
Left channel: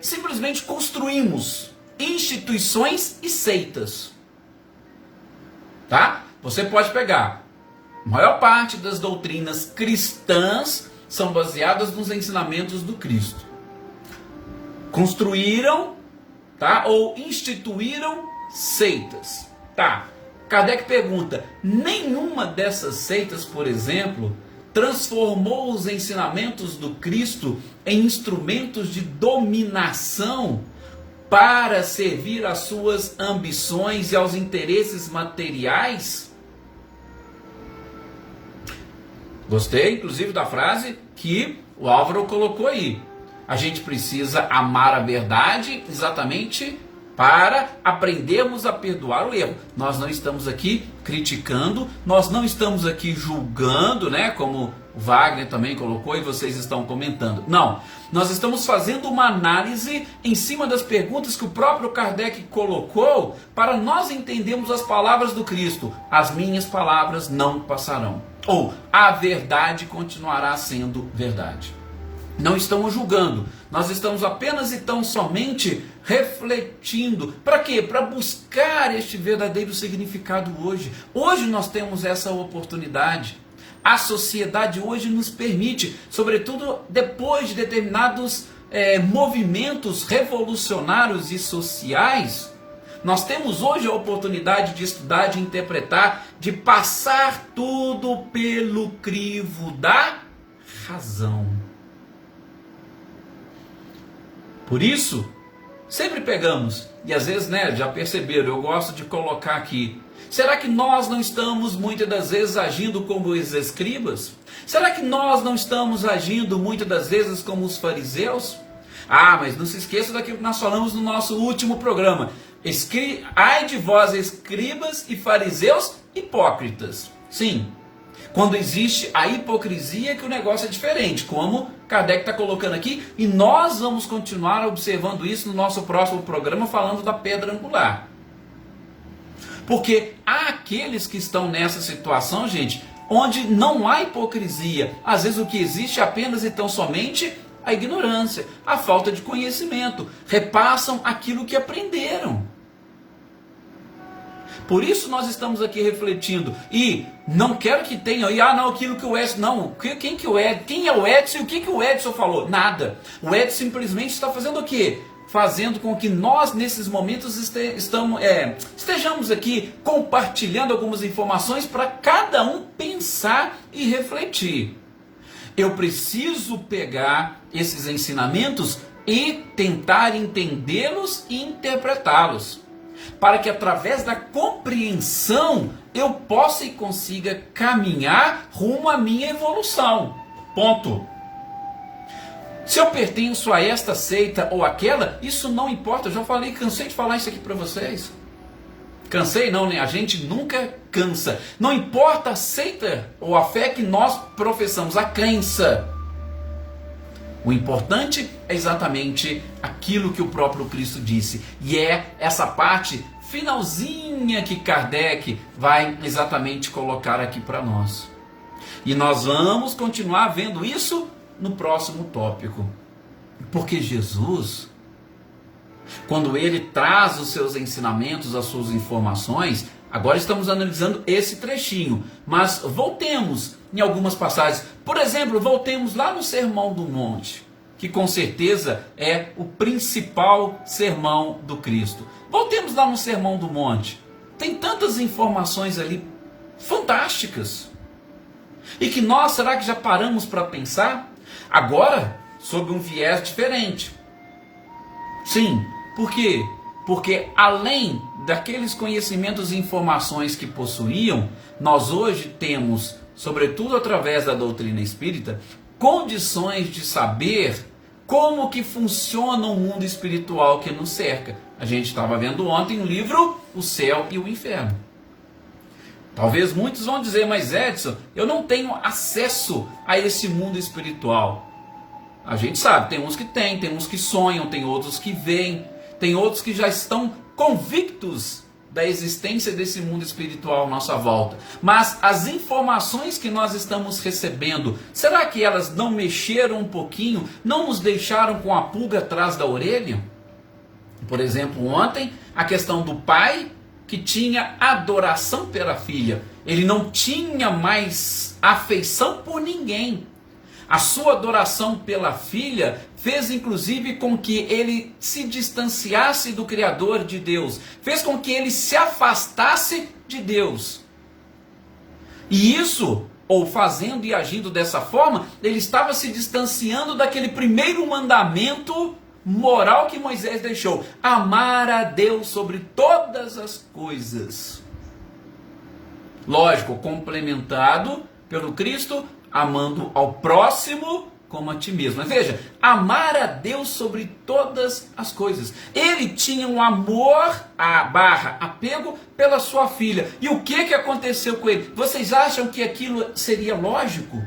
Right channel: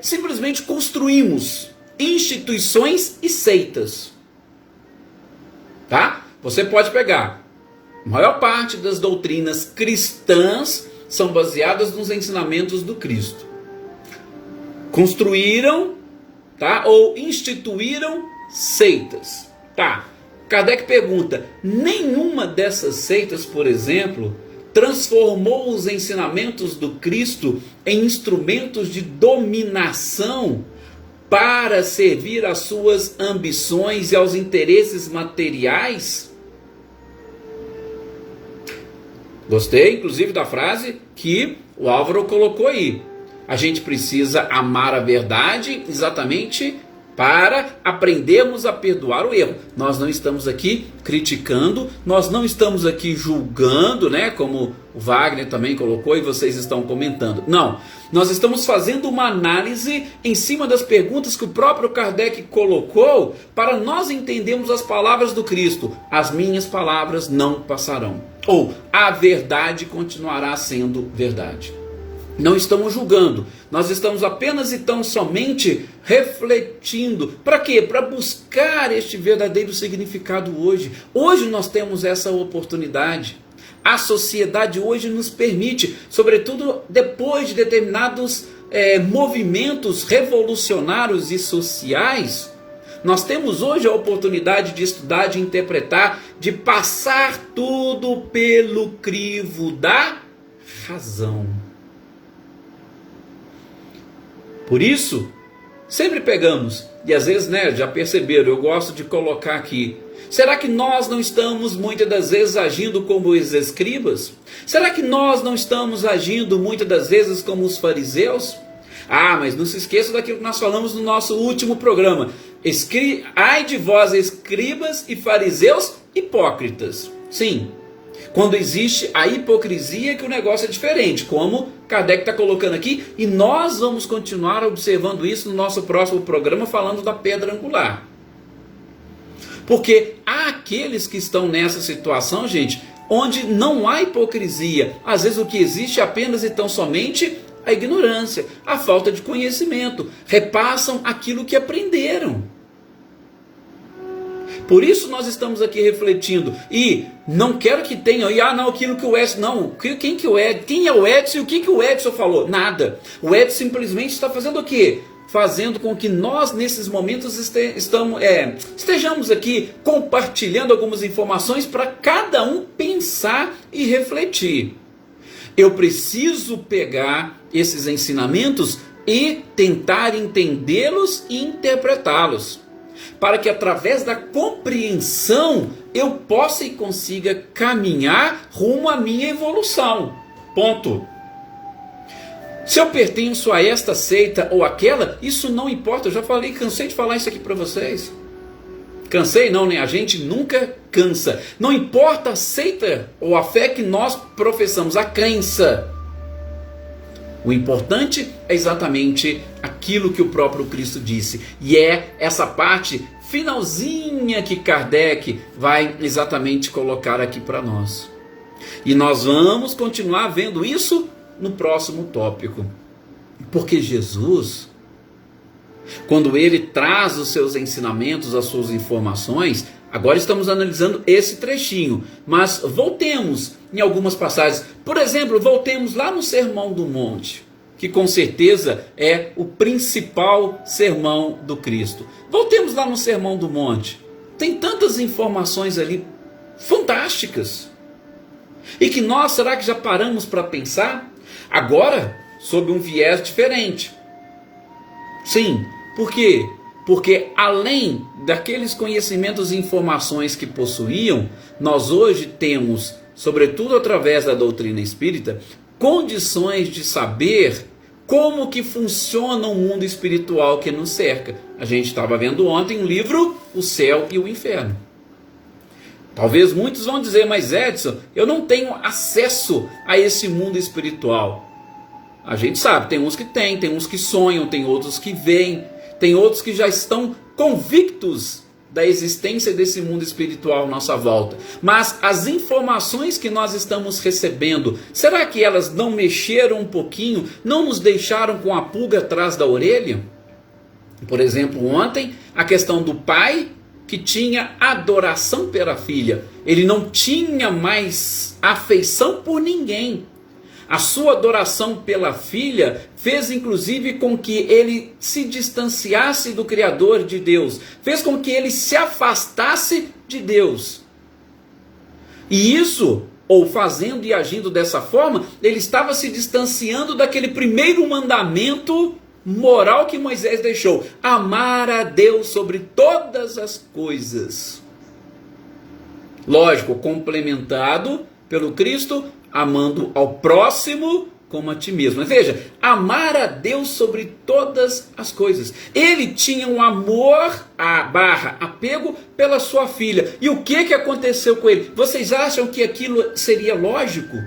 simplesmente construímos instituições e seitas. Tá? Você pode pegar. A maior parte das doutrinas cristãs são baseadas nos ensinamentos do Cristo. Construíram, tá? Ou instituíram seitas. Tá. Kardec pergunta: nenhuma dessas seitas, por exemplo, transformou os ensinamentos do Cristo em instrumentos de dominação para servir às suas ambições e aos interesses materiais? Gostei, inclusive, da frase que o Álvaro colocou aí. A gente precisa amar a verdade exatamente para aprendermos a perdoar o erro. Nós não estamos aqui criticando, nós não estamos aqui julgando, né, como o Wagner também colocou e vocês estão comentando. Não, nós estamos fazendo uma análise em cima das perguntas que o próprio Kardec colocou para nós entendermos as palavras do Cristo. As minhas palavras não passarão. Ou, a verdade continuará sendo verdade. Não estamos julgando, nós estamos apenas e tão somente refletindo. Para quê? Para buscar este verdadeiro significado hoje. Hoje nós temos essa oportunidade. A sociedade hoje nos permite, sobretudo depois de determinados movimentos revolucionários e sociais, nós temos hoje a oportunidade de estudar, de interpretar, de passar tudo pelo crivo da razão. Por isso, sempre pegamos, e às vezes, já perceberam, eu gosto de colocar aqui, será que nós não estamos muitas das vezes agindo como os escribas? Será que nós não estamos agindo muitas das vezes como os fariseus? Mas não se esqueça daquilo que nós falamos no nosso último programa. Ai de vós, escribas e fariseus hipócritas. Sim, quando existe a hipocrisia que o negócio é diferente, como Kardec está colocando aqui, e nós vamos continuar observando isso no nosso próximo programa, falando da pedra angular. Porque há aqueles que estão nessa situação, gente, onde não há hipocrisia. Às vezes o que existe é apenas e tão somente a ignorância, a falta de conhecimento. Repassam aquilo que aprenderam. Por isso nós estamos aqui refletindo. E não quero que tenham, aquilo que o Edson, não, quem é o Edson e o que o Edson falou? Nada. O Edson simplesmente está fazendo o quê? Fazendo com que nós, nesses momentos, estejamos aqui compartilhando algumas informações para cada um pensar e refletir. Eu preciso pegar esses ensinamentos e tentar entendê-los e interpretá-los, para que através da compreensão eu possa e consiga caminhar rumo à minha evolução. Ponto. Se eu pertenço a esta seita ou aquela, isso não importa. Eu já falei, cansei de falar isso aqui para vocês. Cansei não, né? A gente nunca cansa. Não importa a seita ou a fé que nós professamos, a crença. O importante é exatamente aquilo que o próprio Cristo disse. E é essa parte finalzinha que Kardec vai exatamente colocar aqui para nós. E nós vamos continuar vendo isso no próximo tópico. Porque Jesus, quando ele traz os seus ensinamentos, as suas informações, agora estamos analisando esse trechinho, mas voltemos em algumas passagens. Por exemplo, voltemos lá no Sermão do Monte, que com certeza é o principal sermão do Cristo. Voltemos lá no Sermão do Monte. Tem tantas informações ali fantásticas. E que nós, será que já paramos para pensar? Agora, sob um viés diferente. Sim, por quê? Porque além daqueles conhecimentos e informações que possuíam, nós hoje temos, sobretudo através da doutrina espírita, condições de saber como que funciona o mundo espiritual que nos cerca. A gente estava vendo ontem o livro O Céu e o Inferno. Talvez muitos vão dizer, mas Edson, eu não tenho acesso a esse mundo espiritual. A gente sabe, tem uns que têm, tem uns que sonham, tem outros que veem, tem outros que já estão convictos da existência desse mundo espiritual à nossa volta. Mas as informações que nós estamos recebendo, será que elas não mexeram um pouquinho, não nos deixaram com a pulga atrás da orelha? Por exemplo, ontem, a questão do pai que tinha adoração pela filha. Ele não tinha mais afeição por ninguém. A sua adoração pela filha fez inclusive com que ele se distanciasse do Criador de Deus. Fez com que ele se afastasse de Deus. E isso, ou fazendo e agindo dessa forma, ele estava se distanciando daquele primeiro mandamento moral que Moisés deixou: amar a Deus sobre todas as coisas. Lógico, complementado pelo Cristo, amando ao próximo como a ti mesmo. Mas veja, amar a Deus sobre todas as coisas. Ele tinha um amor, apego pela sua filha. E o que aconteceu com ele? Vocês acham que aquilo seria lógico?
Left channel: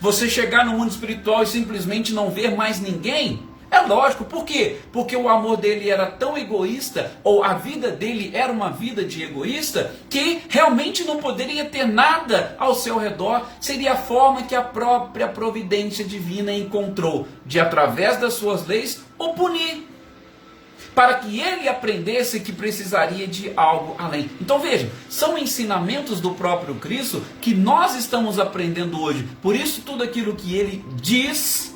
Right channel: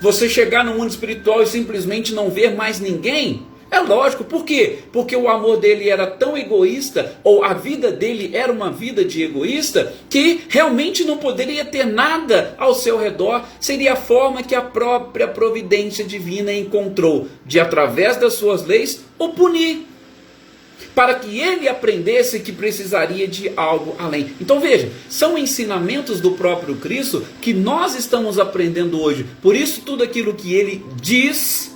Você chegar no mundo espiritual e simplesmente não ver mais ninguém? É lógico, por quê? Porque o amor dele era tão egoísta, ou a vida dele era uma vida de egoísta, que realmente não poderia ter nada ao seu redor. Seria a forma que a própria providência divina encontrou de, através das suas leis, o punir, para que ele aprendesse que precisaria de algo além. Então veja, são ensinamentos do próprio Cristo que nós estamos aprendendo hoje. Por isso tudo aquilo que ele diz,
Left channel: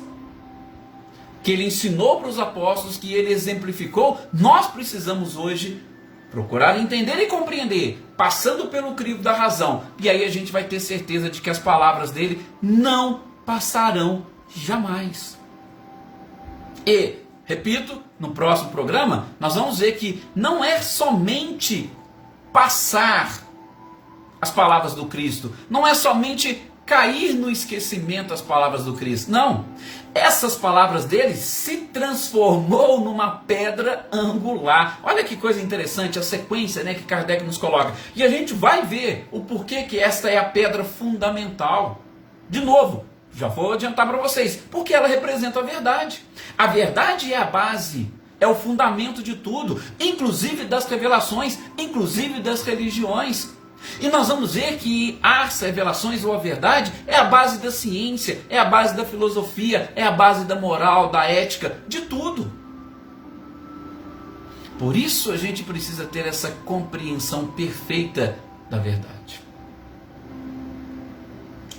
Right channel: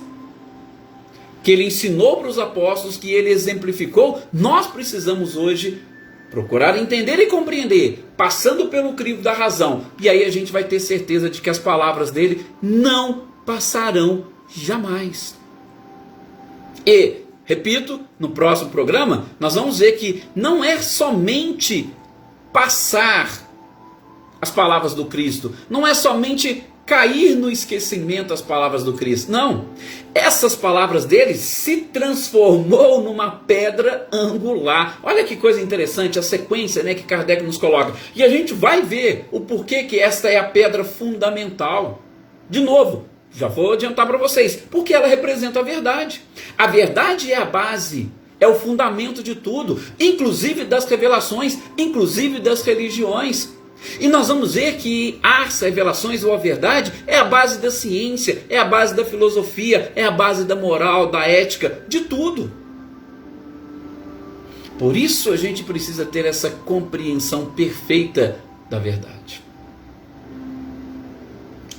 que ele ensinou para os apóstolos, que ele exemplificou, nós precisamos hoje procurar entender e compreender, passando pelo crivo da razão. E aí a gente vai ter certeza de que as palavras dele não passarão jamais. E, repito, no próximo programa, nós vamos ver que não é somente passar as palavras do Cristo, não é somente cair no esquecimento as palavras do Cristo. Não, essas palavras dele se transformou numa pedra angular. Olha que coisa interessante a sequência, né, que Kardec nos coloca. E a gente vai ver o porquê que esta é a pedra fundamental. De novo, já vou adiantar para vocês, porque ela representa a verdade. A verdade é a base, é o fundamento de tudo, inclusive das revelações, inclusive das religiões. E nós vamos ver que as revelações ou a verdade é a base da ciência, é a base da filosofia, é a base da moral, da ética, de tudo. Por isso a gente precisa ter essa compreensão perfeita da verdade.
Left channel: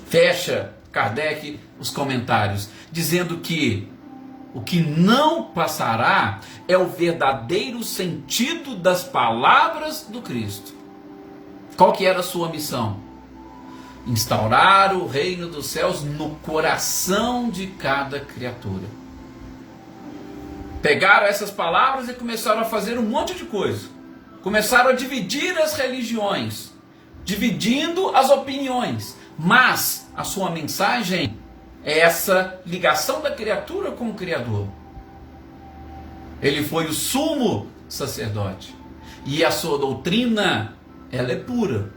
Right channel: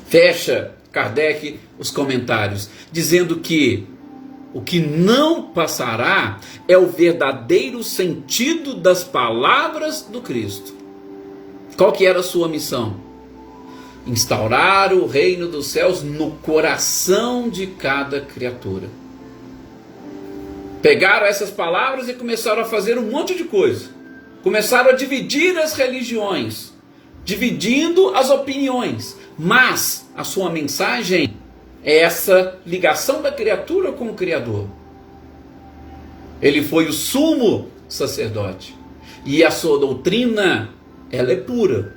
Fecha Kardec os comentários, dizendo que o que não passará é o verdadeiro sentido das palavras do Cristo. Qual que era a sua missão? Instaurar o reino dos céus no coração de cada criatura. Pegaram essas palavras e começaram a fazer um monte de coisa. Começaram a dividir as religiões, dividindo as opiniões. Mas a sua mensagem é essa ligação da criatura com o Criador. Ele foi o sumo sacerdote. E a sua doutrina, ela é pura,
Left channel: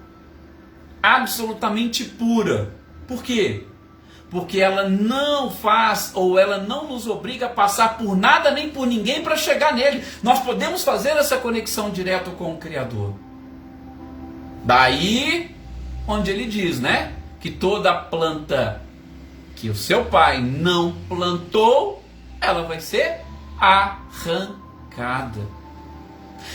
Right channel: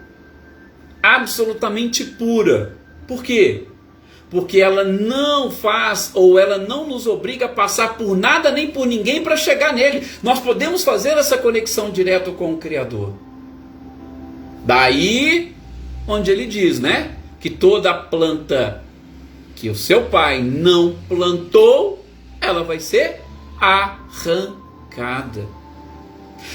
absolutamente pura. Por quê? Porque ela não faz, ou ela não nos obriga a passar por nada nem por ninguém para chegar nele. Nós podemos fazer essa conexão direto com o Criador. Daí onde ele diz, né, que toda planta que o seu pai não plantou, ela vai ser arrancada.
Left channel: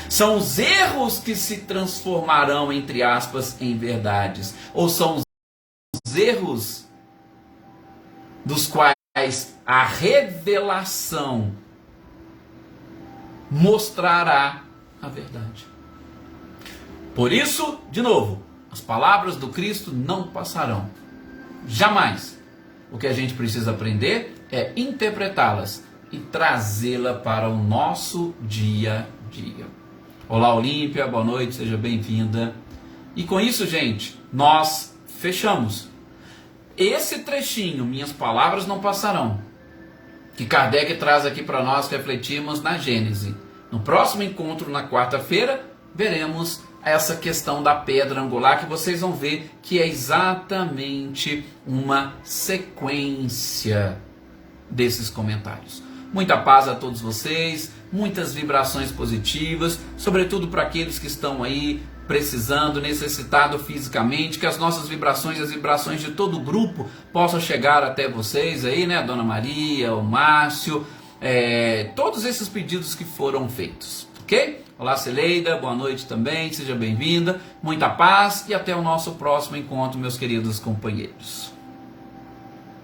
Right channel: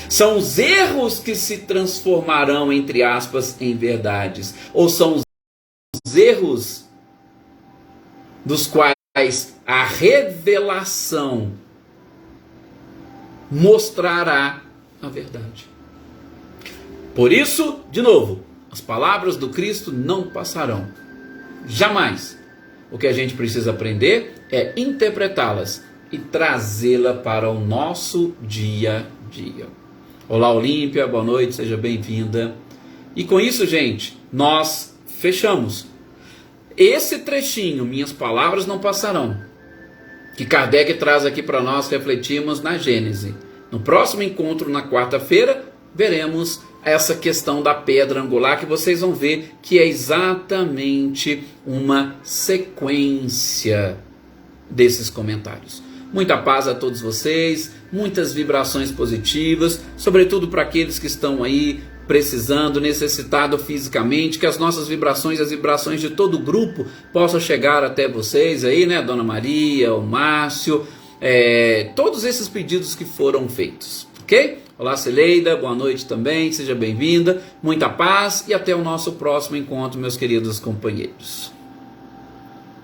São os erros que se transformarão, entre aspas, em verdades. Ou são os erros dos quais a revelação mostrará a verdade. Por isso, de novo, as palavras do Cristo não passarão. Jamais. O que a gente precisa aprender é interpretá-las e trazê-la para o nosso dia a dia. Olá, Olímpia, boa noite, seja bem-vinda. E com isso, gente, nós fechamos esse trechinho, minhas palavras não passarão, que Kardec traz aqui para nós refletirmos na Gênese. No próximo encontro, na quarta-feira, veremos essa questão da pedra angular, que vocês vão ver que é exatamente uma sequência desses comentários. Muita paz a todos vocês, muitas vibrações positivas, sobretudo para aqueles que estão aí precisando, necessitado fisicamente, que as nossas vibrações, as vibrações de todo o grupo possam chegar até vocês aí, né, Dona Maria, o Márcio, todos esses pedidos que foram feitos, ok? Olá, Celeida, boa noite também, seja bem-vinda, muita paz e até o nosso próximo encontro, meus queridos companheiros.